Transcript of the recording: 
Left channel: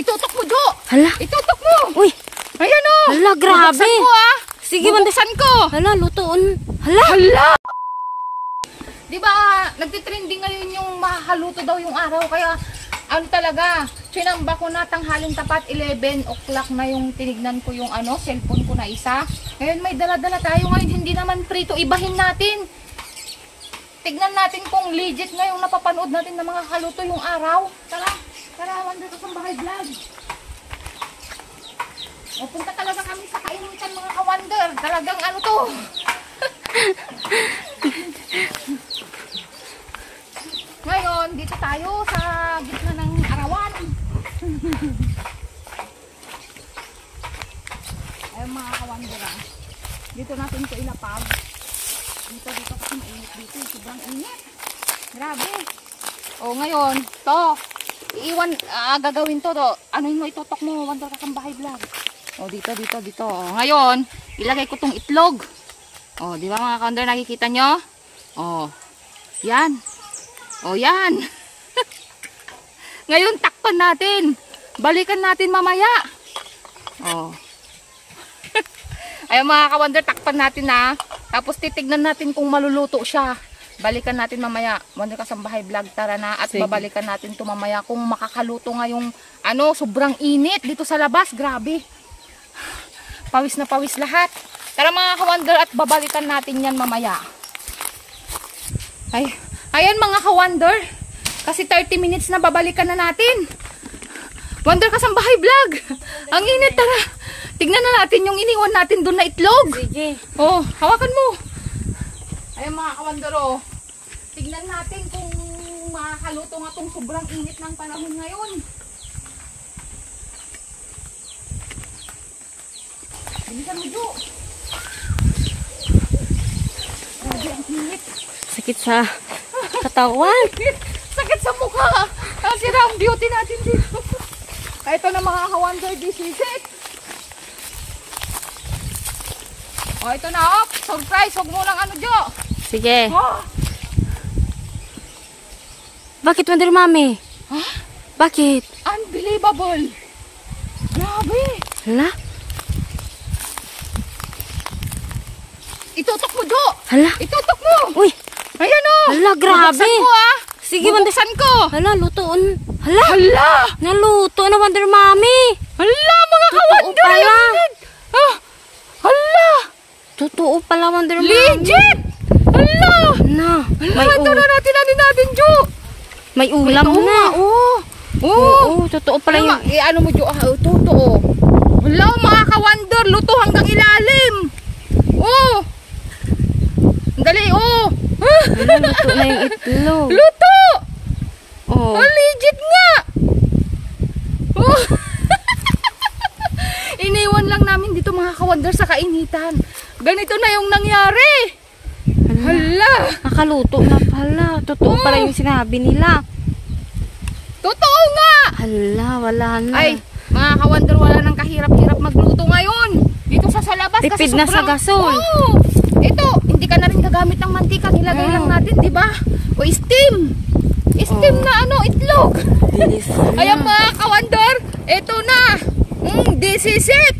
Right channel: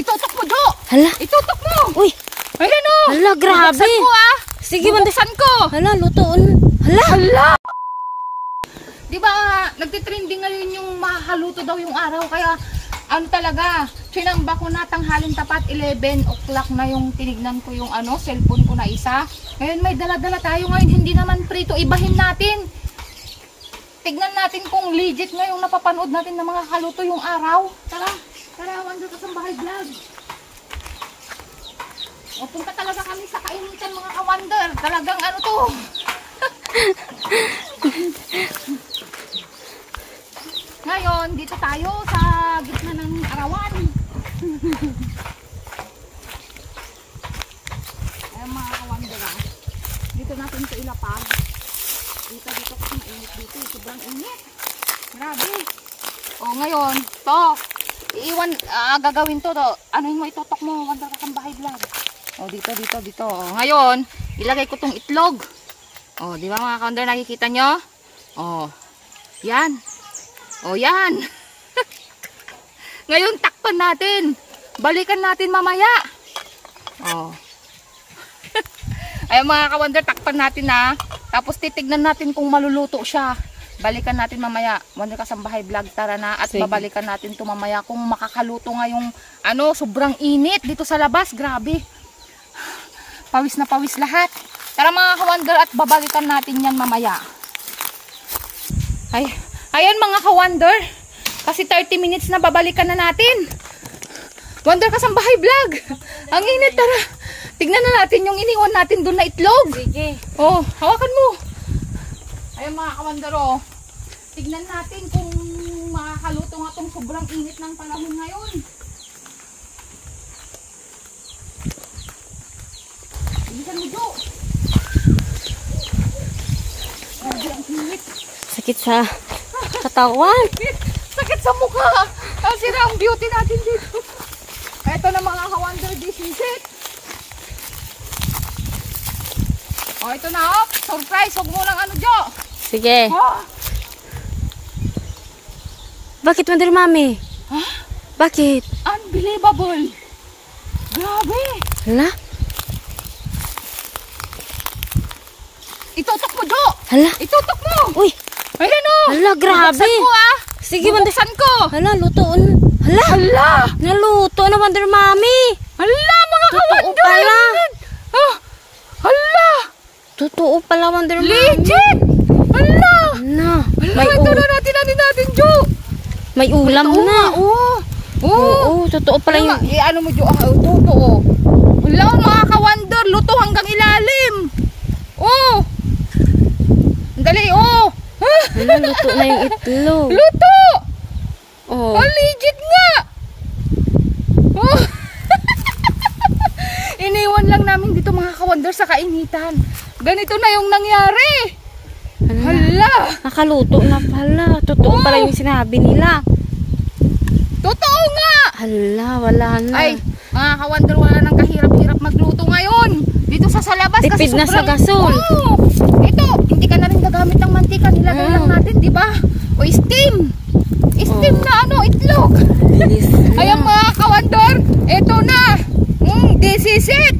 Itutok mo, Jo. Hala. Itutok mo. Uy. Ayan o. Hala, grabe. Bubuksan ko, ah. Sige, bubuksan ko. Hala, lutoon. Hala. Hala. Diba, nagtitrending ngayon yung makaluto daw yung araw. Kaya, ano talaga, sinamba ko na tanghaling tapat, 11 o'clock na yung tinignan ko yung cellphone ko na isa. Ngayon may dala-dala tayo ngayon, hindi naman prito, ibahin natin. Tignan natin kung legit na yung napapanood natin na mga kaluto yung araw. Tara, Wonder Kasambahay Vlog. O, punta talaga kami sa kainitan mga ka-Wonder. Talagang ano to. Ngayon, dito tayo sa gitna ng arawan. Ayun mga ka-Wonder, dito natin ito ilapag. Dito kasi mainit dito. Sobrang init. Grabe. O ngayon, to. Iiwan, gagawin to. Ano mo itutok mo, Wonder Kasambahay Vlog. O dito. O ngayon, ilagay ko tong itlog. O, di ba mga ka-Wonder, nakikita nyo? O, yan. O yan. Ngayon takpan natin. Balikan natin mamaya. O. Ayun mga ka-Wonder, takpan natin na. Tapos titignan natin kung maluluto siya. Balikan natin mamaya. Wonder Kasambahay Vlog, tara na. At sige, babalikan natin ito mamaya kung makakaluto nga yung sobrang init dito sa labas. Grabe. Pawis na pawis lahat. Tara mga ka-Wonder, at babalikan natin yan mamaya. Ay. Ayan mga ka-Wonder, kasi 30 minutes na, babalikan na natin. Wonder Kasambahay Vlog. Ang init, tara. Tignan na natin yung iniwan natin doon na itlog. Sige. Oh, hawakan mo. Ayan mga ka-Wonder, oh. Tignan natin kung makakaluto nga tong sobrang init ng panahon ngayon. Bilisan mo, Jo. Ang init. Sakit sa katawan. Sakit sa mukha. Ang sira ang beauty natin dito. Ito na mga ka-Wonder, this is it. O, ito na, oh. Surprise. Huwag mo lang Jo. Sige. Oh. Bakit, Wonder Mami? Huh? Bakit? Unbelievable. Grabe. Hala? Itutok mo, Jo. Hala? Itutok mo. Uy. Ayan o. Hala, grabe. Bubuksan ko, ah. Sige, Wonder. Bubuksan ko. Hala, lutoon. Hala. Hala. Naluto na, Wonder Mami. Hala, mga Totoo ka-Wonder. pala. Oh. Hala. Totoo pala, Wonder Mami. Legit. Hala. Na. Ito na natin, Jo. May ulam na. Oo. Oo, totoo pala yung... Ano mo, Jo? Totoo. Hala, mga ka-Wonder. Luto hanggang ilalim. Oh. Dali, oh. Hala, luto na yung itlog. Luto. Oh. Legit nga. Oh. Iniwan lang namin dito mga ka-Wonder sa kainitan. Ganito na yung nangyari. Hala. Nakaluto na pala. Totoo pala yung sinabi nila. Totoo nga. Hala, wala na. Ay, mga ka-Wonder, wala nang kahirap-hirap magluto ngayon. Dito sa labas. Tipid kasi na sa gasol. Oh, ito, hindi ka na rin gagamit ng mantika. Nilagay lang natin, di ba? O steam. Steam na itlog. Bilis na. Ayan mga ka-Wonder, ito na. This is it.